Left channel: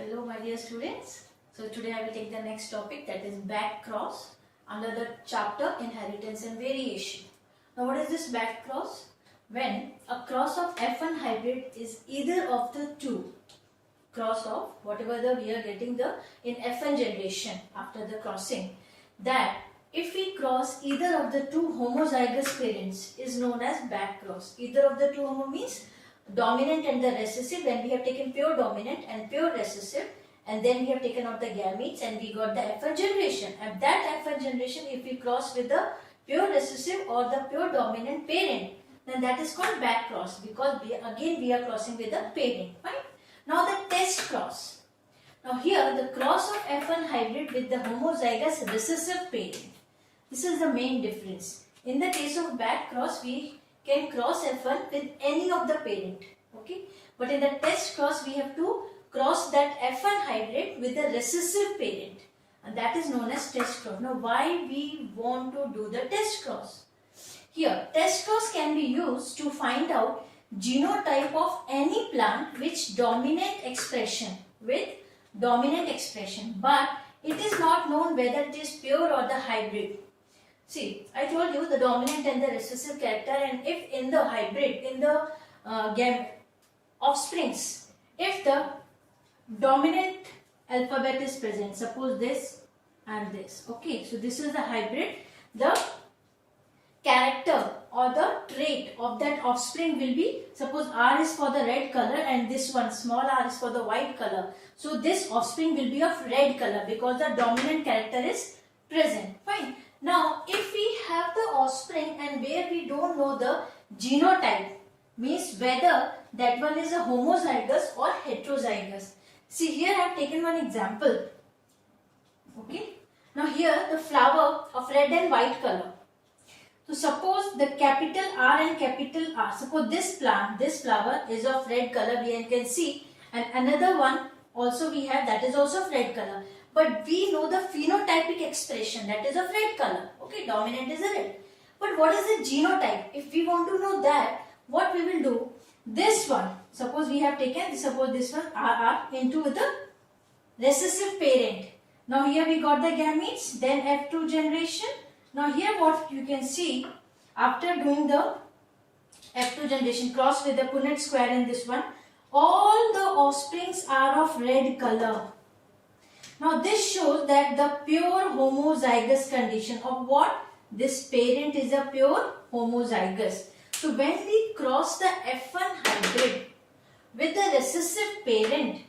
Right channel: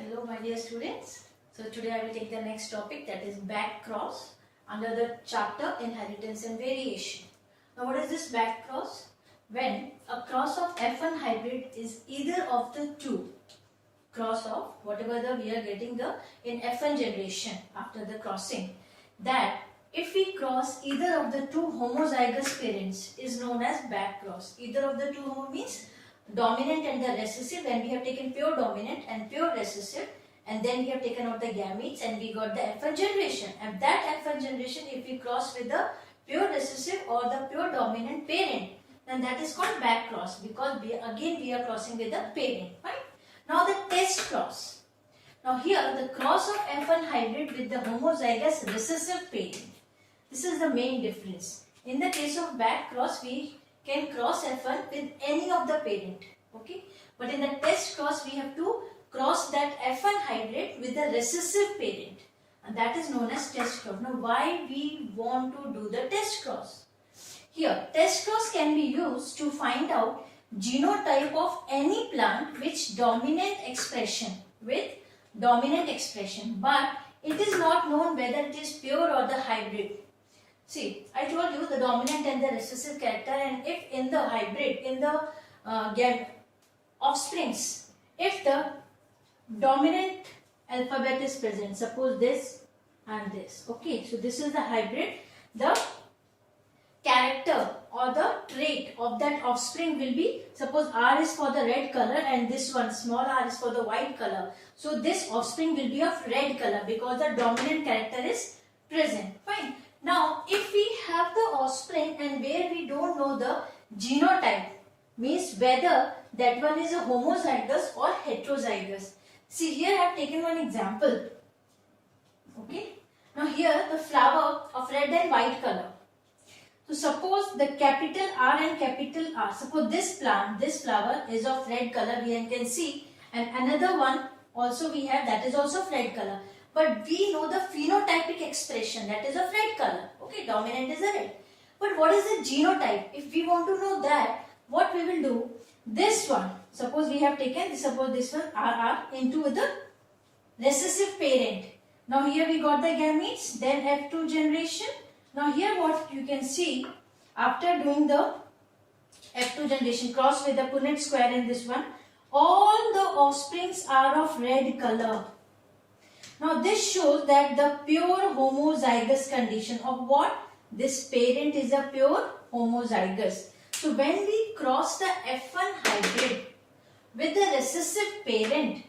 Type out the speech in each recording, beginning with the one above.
Hello my dear students. So today I will take the next topic, that is back cross, under the chapter inheritance and variation. Now what is this back cross? When a cross of F1 hybrid is either of the two, cross of whatever we are getting in F1 generation after the crossing, that if we cross either of the two homozygous parents is known as back cross. Either of the two homo means dominant and the recessive. When we have taken pure dominant and pure recessive, and then we have taken out the gametes and we got the F1 generation. And that F1 generation, if we cross with the pure recessive or the pure dominant parent, then that is called back cross, because we are crossing with the parent. Right? Now the test cross. Now here the cross of F1 hybrid with the homozygous recessive parent. This is the main difference. In the case of back cross, we can cross F1 with any of the parent. Okay. But in the test cross, we have to cross that F1 hybrid with the recessive parent. And that is known as test cross. Now why we want to do the test cross? Here, test cross can be used to find out genotype of any plant which dominant expression, but it is not known whether it is pure or the hybrid. See, I told you the dominant and the recessive character, and if in the hybrid, in the offsprings, if the dominant alphabet is present, suppose this and this, okay, so this is the hybrid, the character or the trait of that offspring will be, suppose R is for the red color and this one small r is for the white color. So this offspring will be of red color because the dominant character is present. Fine. Now if we have the offspring and where we don't know the genotype, means whether that one is a homozygous or heterozygous. See, here I have taken one example. Okay. Now here the flower of red and white color. So suppose the capital R and capital R, suppose this plant, this flower is of red color, we can see, and another one also we have that is also of red color. But we know the phenotypic expression, that is of red color. Okay, dominant is a red. But what is the genotype? If we want to know that, what we will do? This one, suppose we have taken, suppose this one RR into the recessive parent. Now here we got the gametes, then F2 generation. Now here what you can see, after doing the F2 generation cross with the Punnett square in this one, all the offsprings are of red color. Now this shows that the pure homozygous condition of what? This parent is a pure homozygous. So when we cross the F1 hybrid with the recessive parent,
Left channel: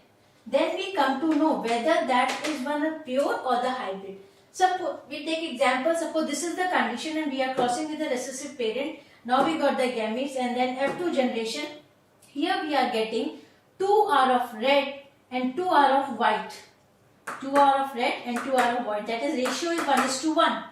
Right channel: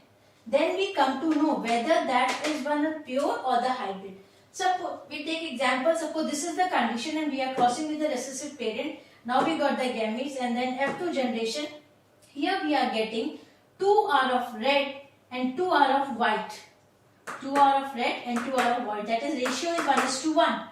then we come to know whether that is one a pure or the hybrid. Suppose we take example, suppose this is the condition and we are crossing with the recessive parent. Now we got the gametes and then F2 generation. Here we are getting 2 are of red and 2 are of white. 2 are of red and 2 are of white. That is ratio is 1:1.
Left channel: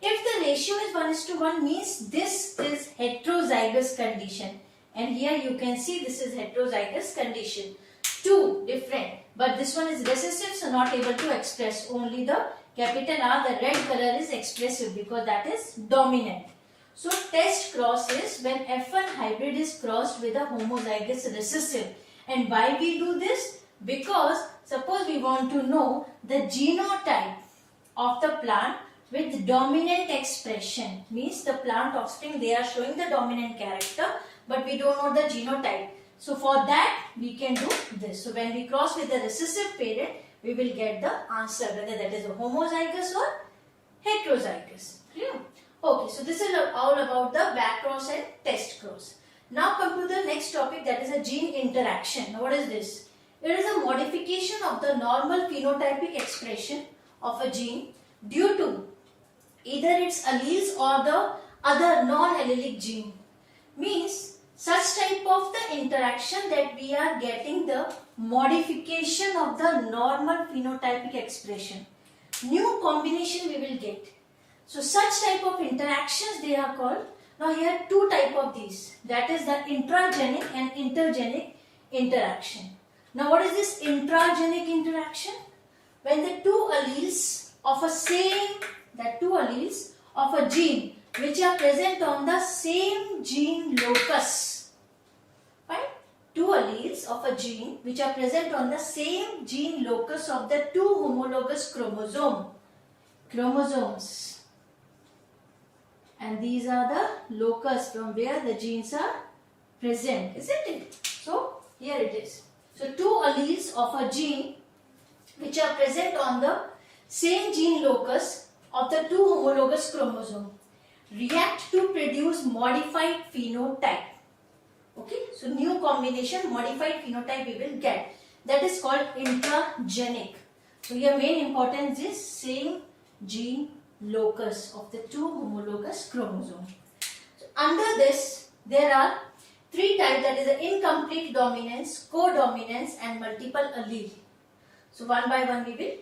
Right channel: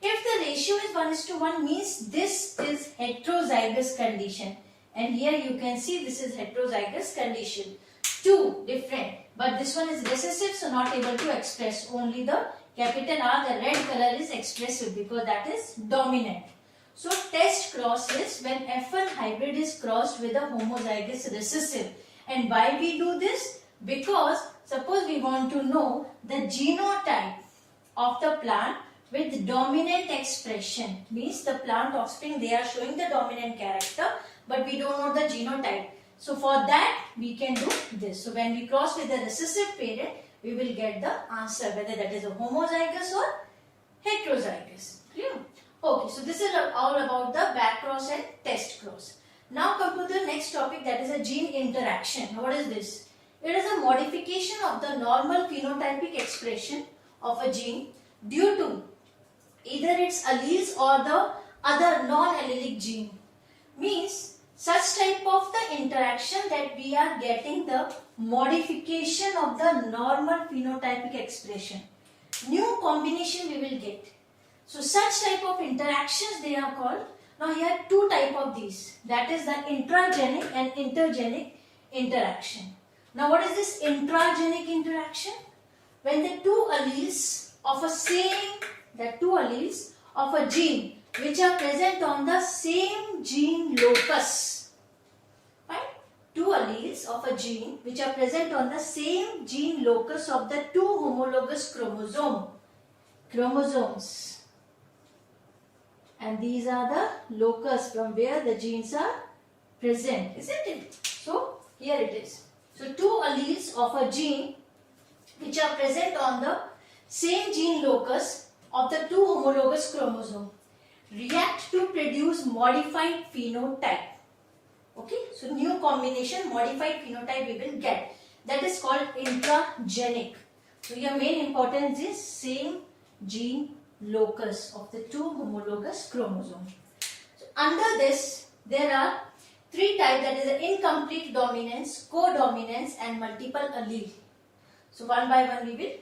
If the ratio is 1:1 means this is heterozygous condition. And here you can see this is heterozygous condition. 2 different. But this one is recessive, so not able to express. Only the capital R, the red color is expressive because that is dominant. So test cross is when F1 hybrid is crossed with a homozygous recessive. And why we do this? Because suppose we want to know the genotype of the plant with dominant expression. Means the plant offspring, they are showing the dominant character, but we don't know the genotype. So for that we can do this. So when we cross with the recessive parent, we will get the answer whether that is a homozygous or heterozygous. Clear? Okay, so this is all about the back cross and test cross. Now come to the next topic, that is a gene interaction. What is this? It is a modification of the normal phenotypic expression of a gene due to either its alleles or the other non-allelic gene. Means such type of the interaction that we are getting the modification of the normal phenotypic expression. New combination we will get. So such type of interactions they are called. Now here two type of these. That is the intragenic and intergenic interaction. Now what is this intragenic interaction? When the two alleles of a gene which are present on the same gene locus. Right? two alleles of a gene which are present on the same gene locus of the two homologous chromosomes. And these are the locus from where the genes are present, isn't it? So here it is. So two alleles of a gene which are present on the same gene locus of the two homologous chromosomes react to produce modified phenotype. Okay, so new combination, modified phenotype we will get. That is called intragenic. So your main importance is same gene locus of the two homologous chromosomes. So under this there are three types, that is the incomplete dominance, codominance and multiple allele. So one by one we will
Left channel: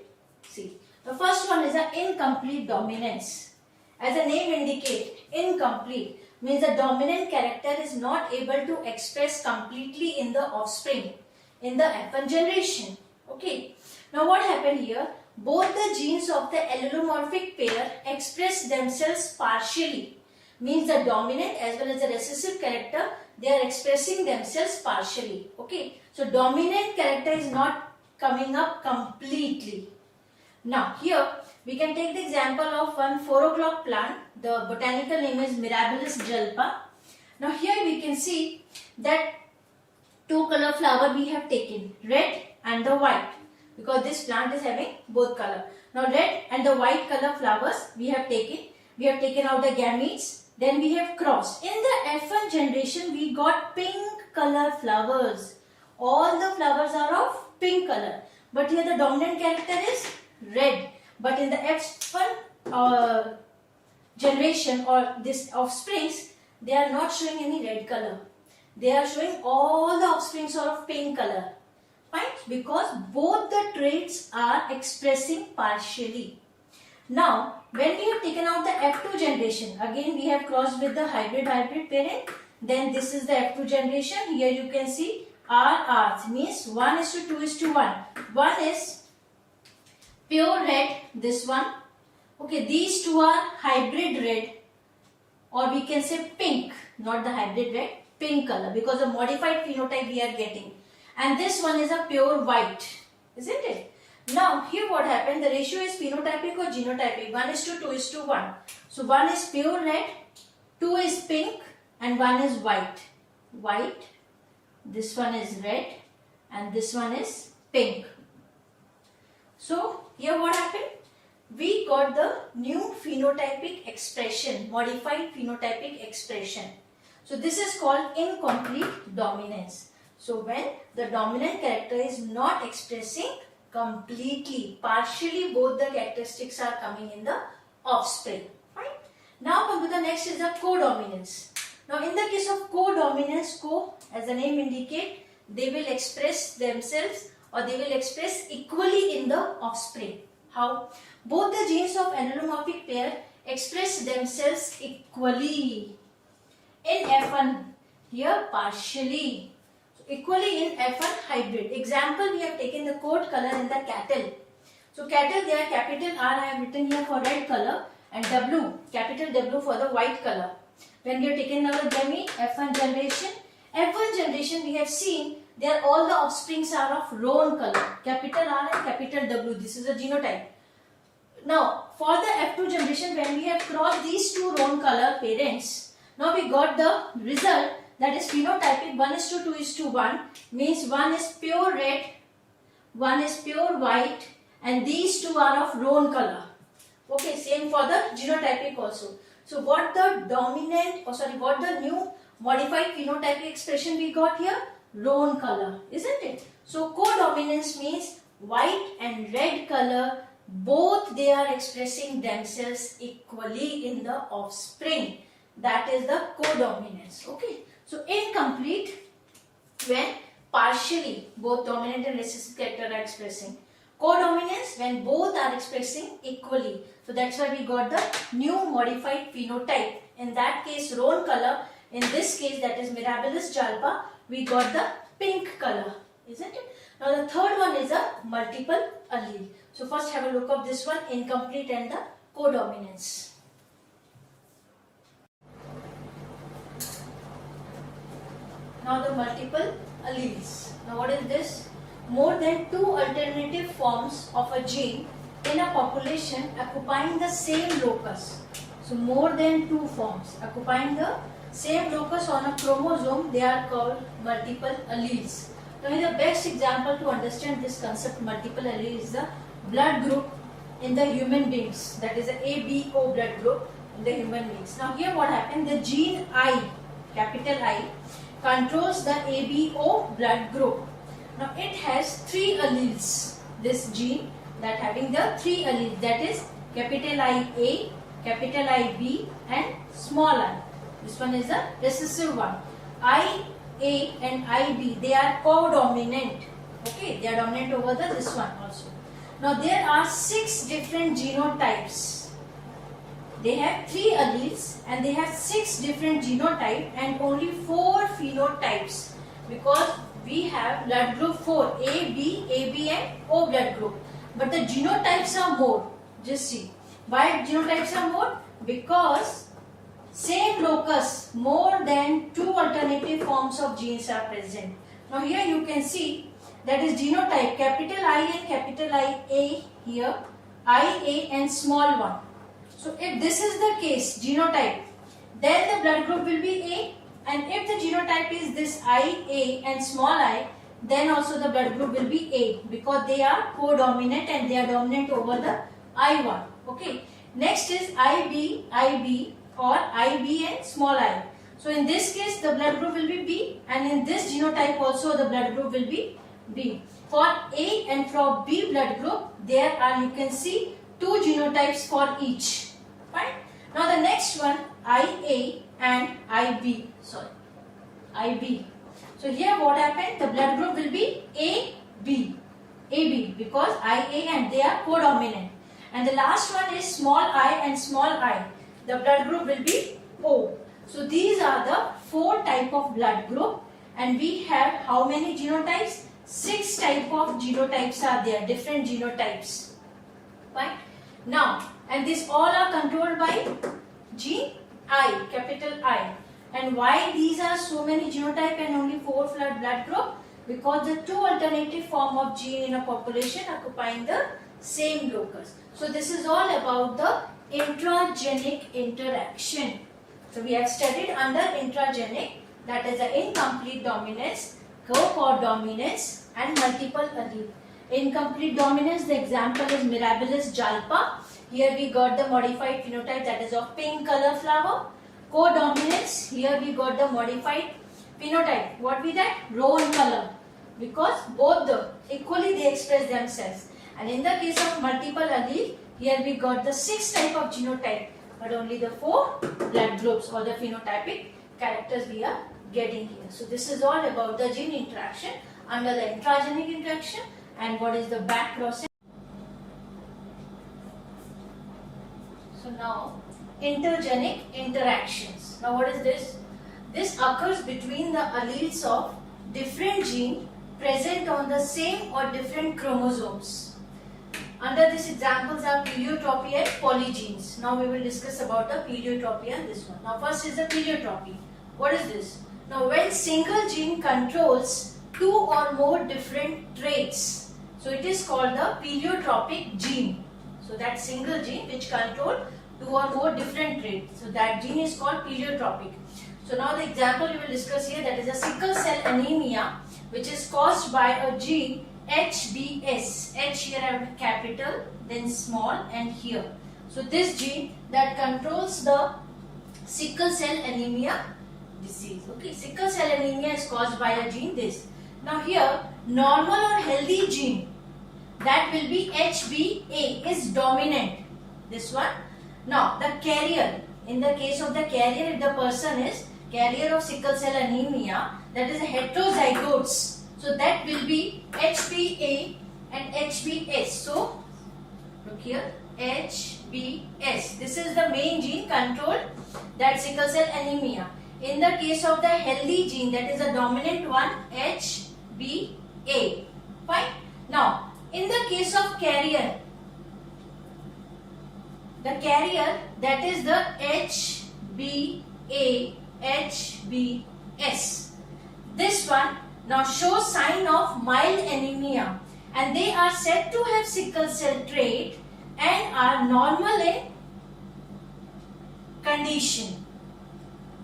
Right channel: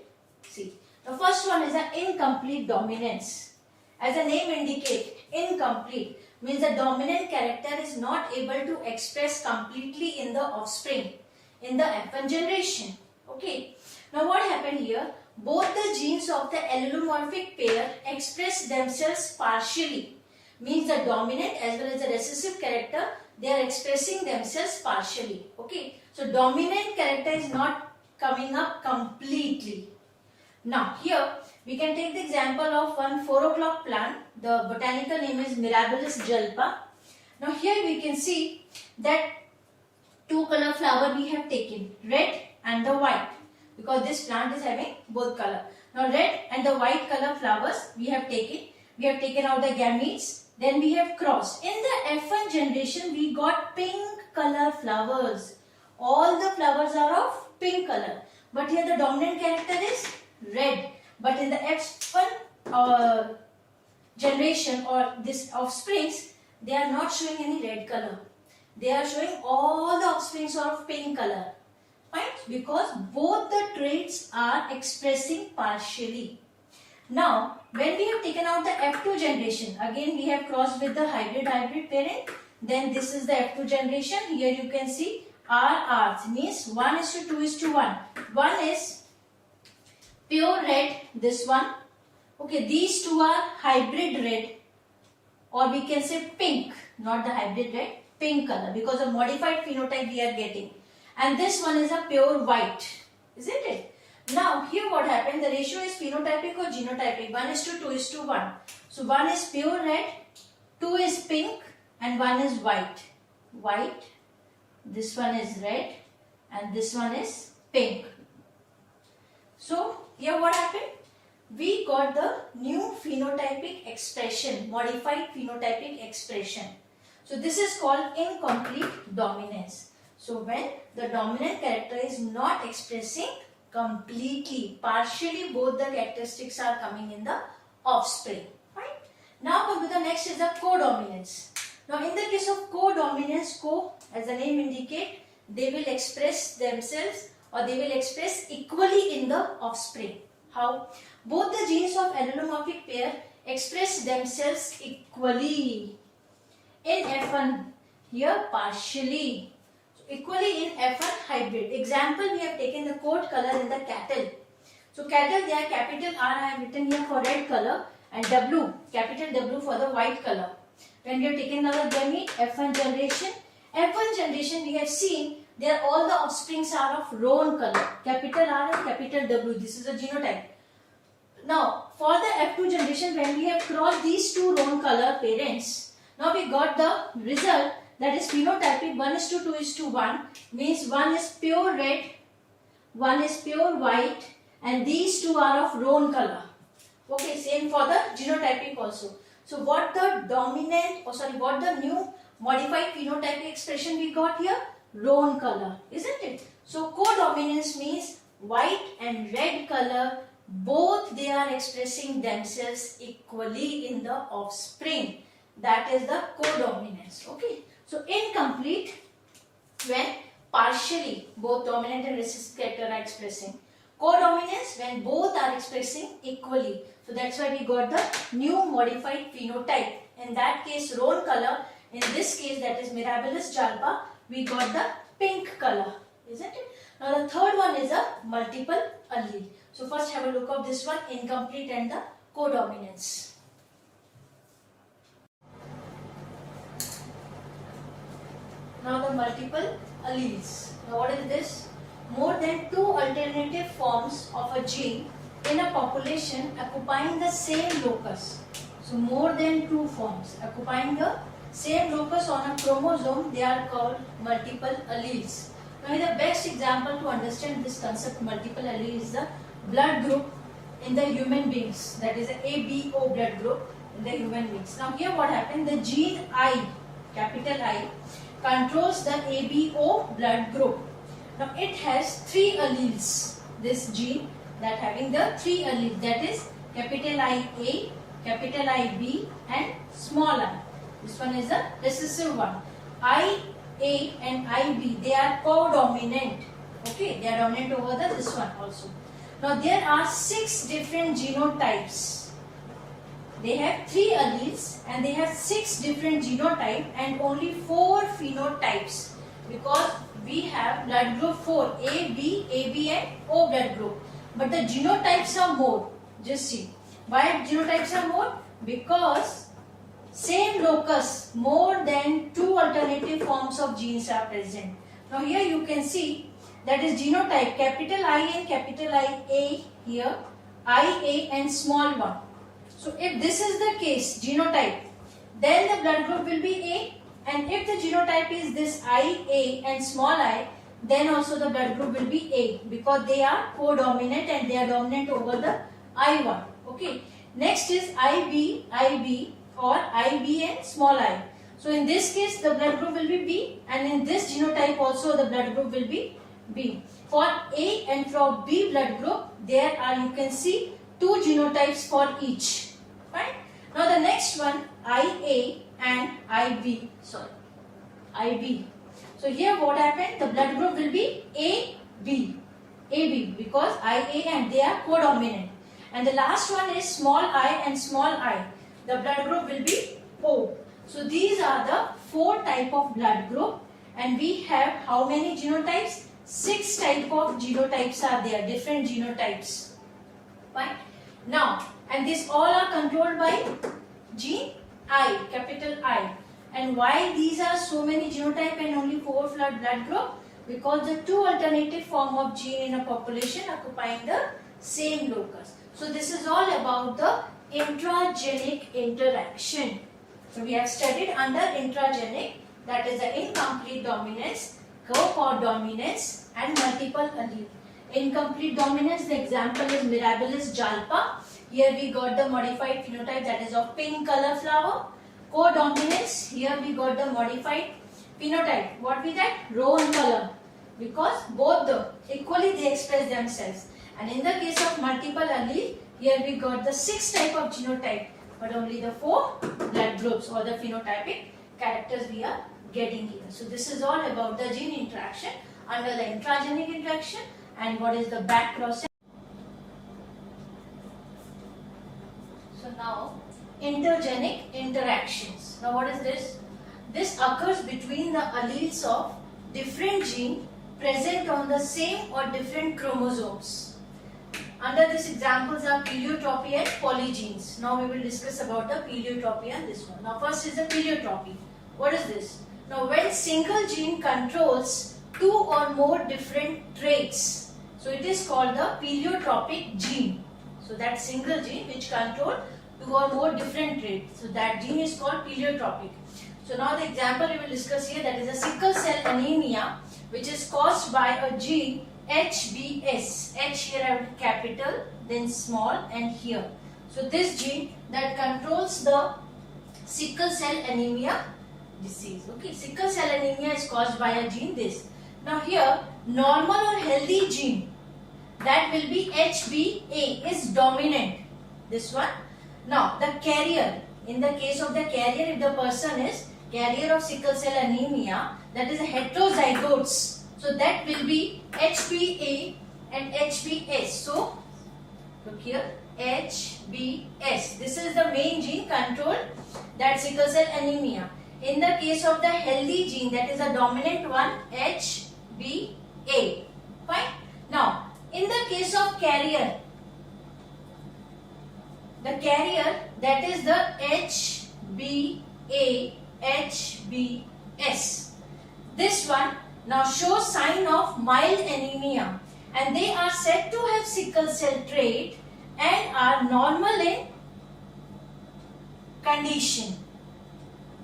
see. The first one is the incomplete dominance. As the name indicates, incomplete means the dominant character is not able to express completely in the offspring, in the F1 generation. Okay. Now what happened here? Both the genes of the allelomorphic pair express themselves partially. Means the dominant as well as the recessive character, they are expressing themselves partially. Okay. So dominant character is not coming up completely. Now here we can take the example of one 4 o'clock plant. The botanical name is Mirabilis jalpa. Now here we can see that two color flower we have taken, red and the white, because this plant is having both color. Now red and the white color flowers we have taken out the gametes, then we have crossed. In the F1 generation we got pink color flowers. All the flowers are of pink color, but here the dominant character is red. But in the F1 generation or this offsprings, they are not showing any red color. They are showing all the offsprings are of pink color. Fine? Because both the traits are expressing partially. Now, when we have taken out the F2 generation, again we have crossed with the hybrid parent. Then this is the F2 generation. Here you can see RR means 1:2:1. One is pure red, this one. Okay, these two are hybrid red, or we can say pink, not the hybrid red, pink color, because the modified phenotype we are getting. And this one is a pure white, isn't it? Now here what happened, the ratio is phenotypic or genotypic, 1:2:1. So one is pure red, two is pink and one is white. White, this one is red and this one is pink. So here what happened? We got the new phenotypic expression, modified phenotypic expression. So this is called incomplete dominance. So when the dominant character is not expressing completely, partially both the characteristics are coming in the offspring. Right? Now come to the next is the codominance. Now in the case of codominance, as the name indicates, they will express themselves or they will express equally in the offspring. How? Both the genes of allelomorphic pair express themselves equally. In F1, here partially. Equally in F1 hybrid. Example, we have taken the coat color in the cattle. So cattle, they are capital R, I have written here for red color, and W, capital W for the white color. When we have taken another gamete, F1 generation we have seen there all the offsprings are of roan color, capital R and capital W. This is a genotype. Now for the F2 generation, when we have crossed these two roan color parents, now we got the result, that is phenotypic 1:2:1, means one is pure red, one is pure white, and these two are of roan color. Okay, same for the genotypic also. So what the dominant, what the new modified phenotypic expression we got here? Roan color, isn't it? So codominance means white and red color, both they are expressing themselves equally in the offspring. That is the codominance. Okay. So incomplete when partially both dominant and recessive character are expressing. Codominance when both are expressing equally. So that's why we got the new modified phenotype. In that case roan color. In this case, that is Mirabilis jalpa, we got the pink color, isn't it? Now the third one is a multiple allele. So first have a look of this one, incomplete and the codominance. Now the multiple alleles. Now what is this? More than 2 alternative forms of a gene in a population occupying the same locus. So more than 2 forms occupying the same locus on a chromosome, they are called multiple alleles. Now the best example to understand this concept multiple allele is the blood group in the human beings, that is the ABO blood group in the human beings. Now here what happened, the gene I, capital I, controls the ABO blood group. Now it has 3 alleles, this gene that having the 3 alleles, that is capital IA, capital IB and small I. This one is the recessive one. IA and IB, they are co-dominant. Okay, they are dominant over this one also. Now there are 6 different genotypes. They have 3 alleles and they have 6 different genotypes and only 4 phenotypes, because we have blood group 4, A, B, AB and O blood group. But the genotypes are more. Just see. Why genotypes are more? Because same locus, more than 2 alternative forms of genes are present. Now here you can see that is genotype capital I and capital IA here, IA and small one. So if this is the case, genotype, then the blood group will be A, and if the genotype is this IA and small I, then also the blood group will be A, because they are co-dominant and they are dominant over the I1. Okay. Next is IB or IB and small I. So in this case the blood group will be B, and in this genotype also the blood group will be B. For A and for B blood group, there are, you can see, 2 genotypes for each. Fine. Now the next one, IA and IB. IB. So here what happened? The blood group will be AB, because IA and they are co-dominant. And the last one is small I and small I. The blood group will be O. So these are the 4 type of blood group, and we have how many genotypes? 6 type of genotypes are there, different genotypes. Fine. Now, and these all are controlled by gene I, capital I. And why these are so many genotype and only 4 blood group? Because the 2 alternative form of gene in a population occupying the same locus. So this is all about the intragenic interaction. So we have studied under intragenic, that is the incomplete dominance, co-dominance and multiple allele. Incomplete dominance, the example is Mirabilis jalpa. Here we got the modified phenotype, that is of pink color flower. Co-dominance, here we got the modified phenotype. What we that? Roan color. Because both the equally they express themselves. And in the case of multiple allele, here we got the 6 type of genotype, but only the 4 blood groups or the phenotypic characters we are getting here. So this is all about the gene interaction under the intragenic interaction, and what is the back process. So now intergenic interactions. Now what is this? This occurs between the alleles of different genes present on the same or different chromosomes. Under this examples are pleiotropy and polygenes. Now we will discuss about the pleiotropy and this one. Now first is the pleiotropy. What is this? Now when single gene controls 2 or more different traits, so it is called the pleiotropic gene. So that single gene which control 2 or more different traits, so that gene is called pleiotropic. So now the example we will discuss here, that is a sickle cell anemia, which is caused by a gene HBS. H here I have capital, then small, and here. So this gene that controls the sickle cell anemia disease. Okay, sickle cell anemia is caused by a gene this. Now here normal or healthy gene, that will be HBA, is dominant. This one. Now the carrier, in the case of the carrier, if the person is carrier of sickle cell anemia, that is a heterozygotes. So that will be HBA and HBS. So look here, HBS. This is the main gene controlled that sickle cell anemia. In the case of the healthy gene, that is a dominant one, HBA. Fine. Now in the case of carrier, the carrier, that is the HBA, HBS. This one now show sign of mild anemia, and they are said to have sickle cell trait and are normal in condition.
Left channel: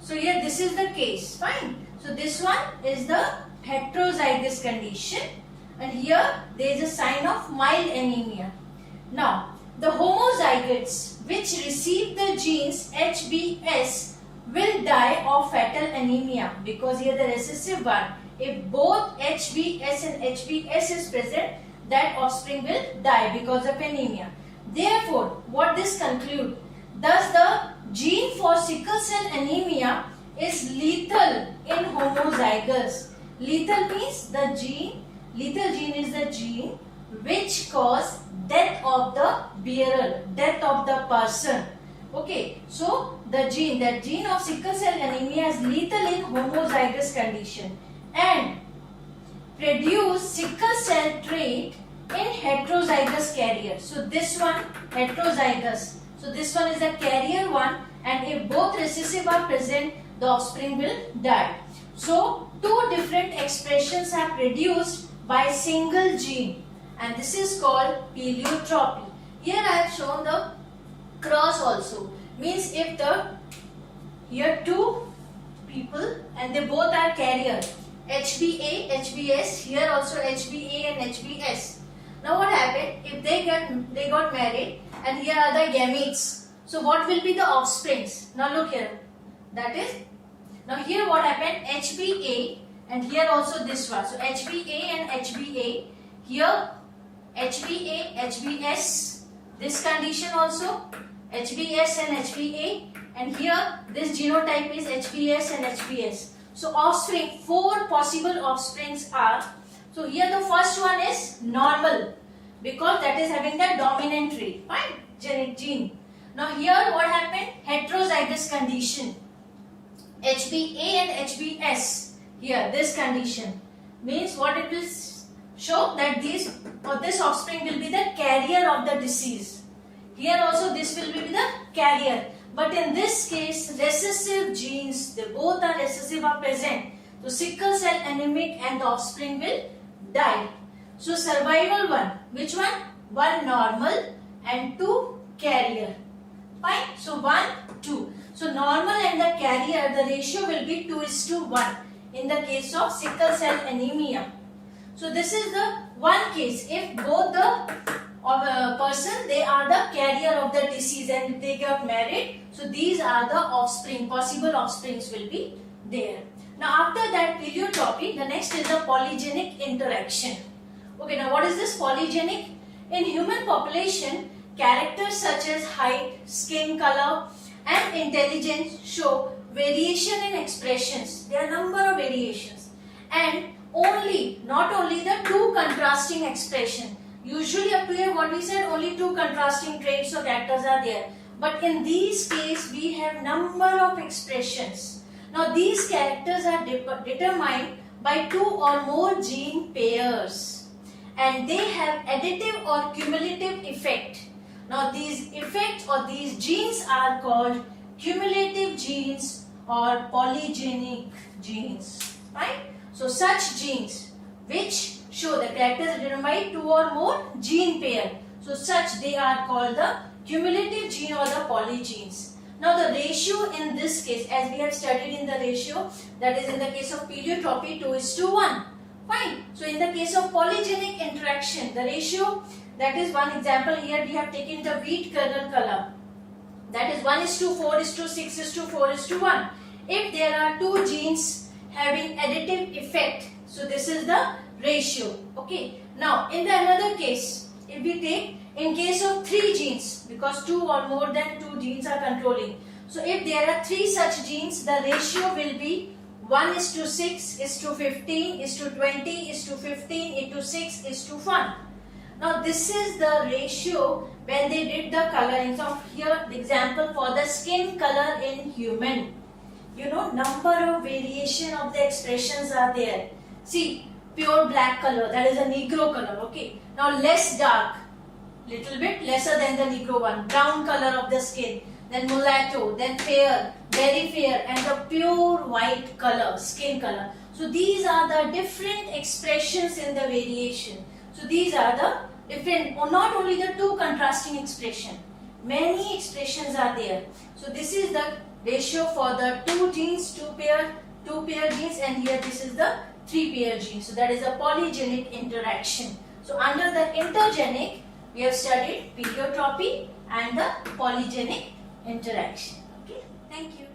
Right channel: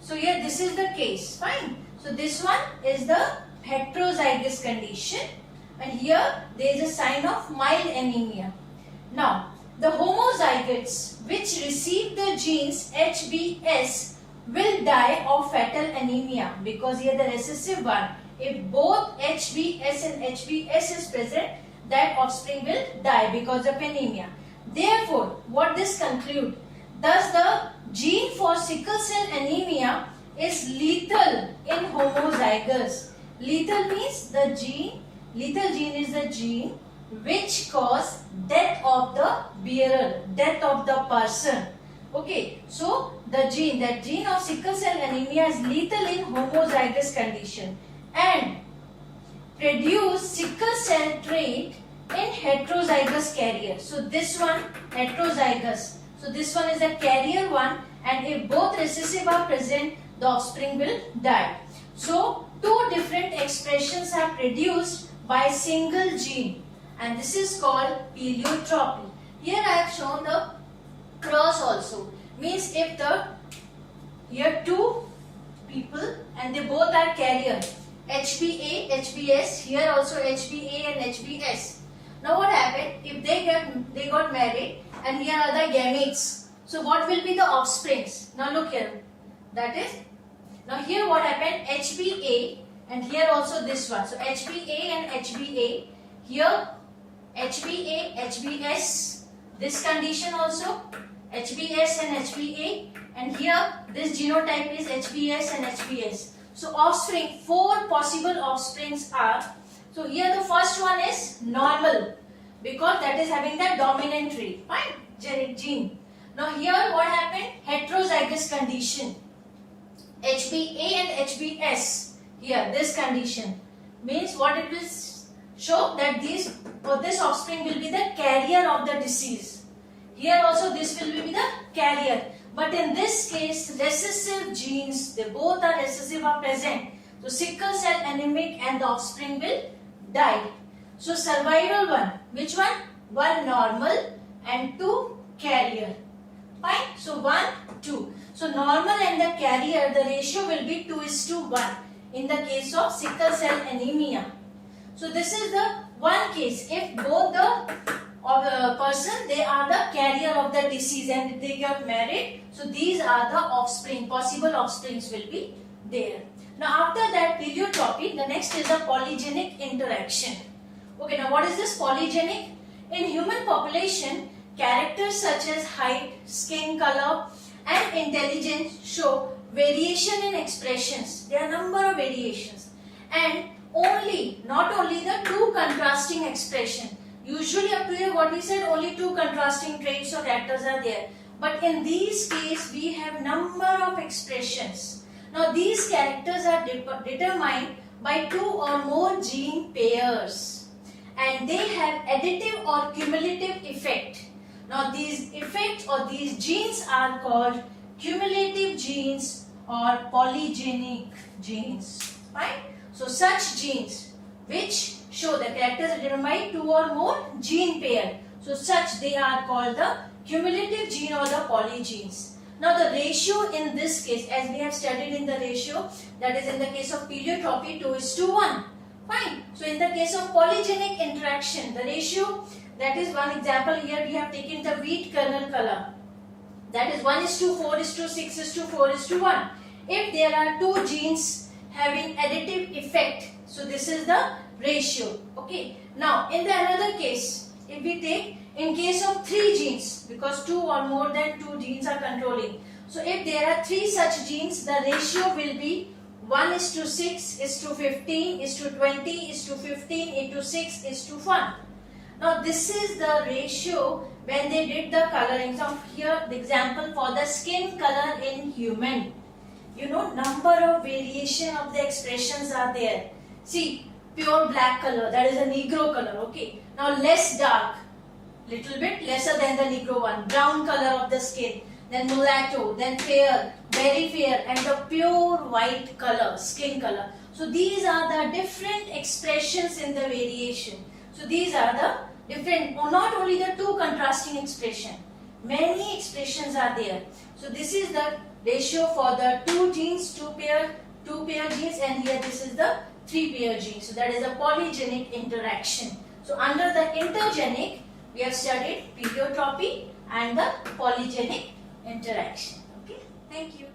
So here this is the case, fine. So this one is the heterozygous condition, and here there is a sign of mild anemia. Now the homozygotes which receive the genes HBS will die of fatal anemia, because here the recessive one, if both HBS and HBS is present, that offspring will die because of anemia. Therefore, what this conclude? Thus the gene for sickle cell anemia is lethal in homozygous. Lethal means the gene, lethal gene is the gene which cause death of the bearer, death of the person. Okay, so the gene, that gene of sickle cell anemia is lethal in homozygous condition and produce sickle cell trait in heterozygous carrier. So this one heterozygous. So this one is the carrier one, and if both recessive are present, the offspring will die. So two different expressions are produced by single gene, and this is called pleiotropy. Here I have shown the cross also. Means if here two people and they both are carrier, HBA, HBS, here also HBA and HBS. Now what happened? If they got married and here are the gametes. So what will be the offsprings? Now look here. That is, now here what happened? HBA and here also this one. So HBA and HBA. Here HBA, HBS. This condition also HBS and HBA. And here this genotype is HBS and HBS. So offspring, 4 possible offsprings are. So here the first one is normal, because that is having the dominant trait, fine, gene. Now here what happened? Heterozygous condition. HBA and HBS. Here this condition means what it will show, that this offspring will be the carrier of the disease. Here also this will be the carrier. But in this case, recessive genes, they both are recessive are present. So sickle cell anemic and the offspring will die. So survival one, which one? 1 normal and 2 carrier. Fine. So 1, 2. So normal and the carrier, the ratio will be 2:1 in the case of sickle cell anemia. So this is the one case. If both the person, they are the carrier of the disease and if they get married, so these are the offspring, possible offsprings will be there. Now after that pleiotropy, the next is the polygenic interaction. Okay, now what is this polygenic? In human population, characters such as height, skin color and intelligence show variation in expressions. There are number of variations, and not only the 2 contrasting expression. Usually up to here what we said, only 2 contrasting traits or characters are there. But in these case we have number of expressions. Now these characters are determined by 2 or more gene pairs, and they have additive or cumulative effect. Now these effects or these genes are called cumulative genes or polygenic genes. Right? So such genes which show the characters are determined by 2 or more gene pair. So such they are called the cumulative gene or the polygenes. Now the ratio in this case, as we have studied in the ratio, that is in the case of pleiotropy 2:1. Fine. So in the case of polygenic interaction, the ratio, that is one example here we have taken the wheat kernel color. That is 1:4:6:4:1. If there are 2 genes having additive effect, so this is the ratio. Okay. Now in the another case, if we take in case of 3 genes, because 2 or more than 2 genes are controlling. So if there are 3 such genes, the ratio will be 1:6:15:20:15:6:1. Now this is the ratio when they did the coloring. So here the example for the skin color in human. You know, number of variation of the expressions are there. See, pure black color, that is a Negro color. Okay. Now less dark, little bit lesser than the Negro one. Brown color of the skin, then mulatto, then fair, very fair, and the pure white color, skin color. So these are the different expressions in the variation. So these are the different, or not only the two contrasting expression, many expressions are there. So this is the ratio for the two genes, two pair genes, and here this is the 3 pair genes. So that is a polygenic interaction. So under the intergenic, we have studied pleiotropy and the polygenic interaction. Okay, thank you.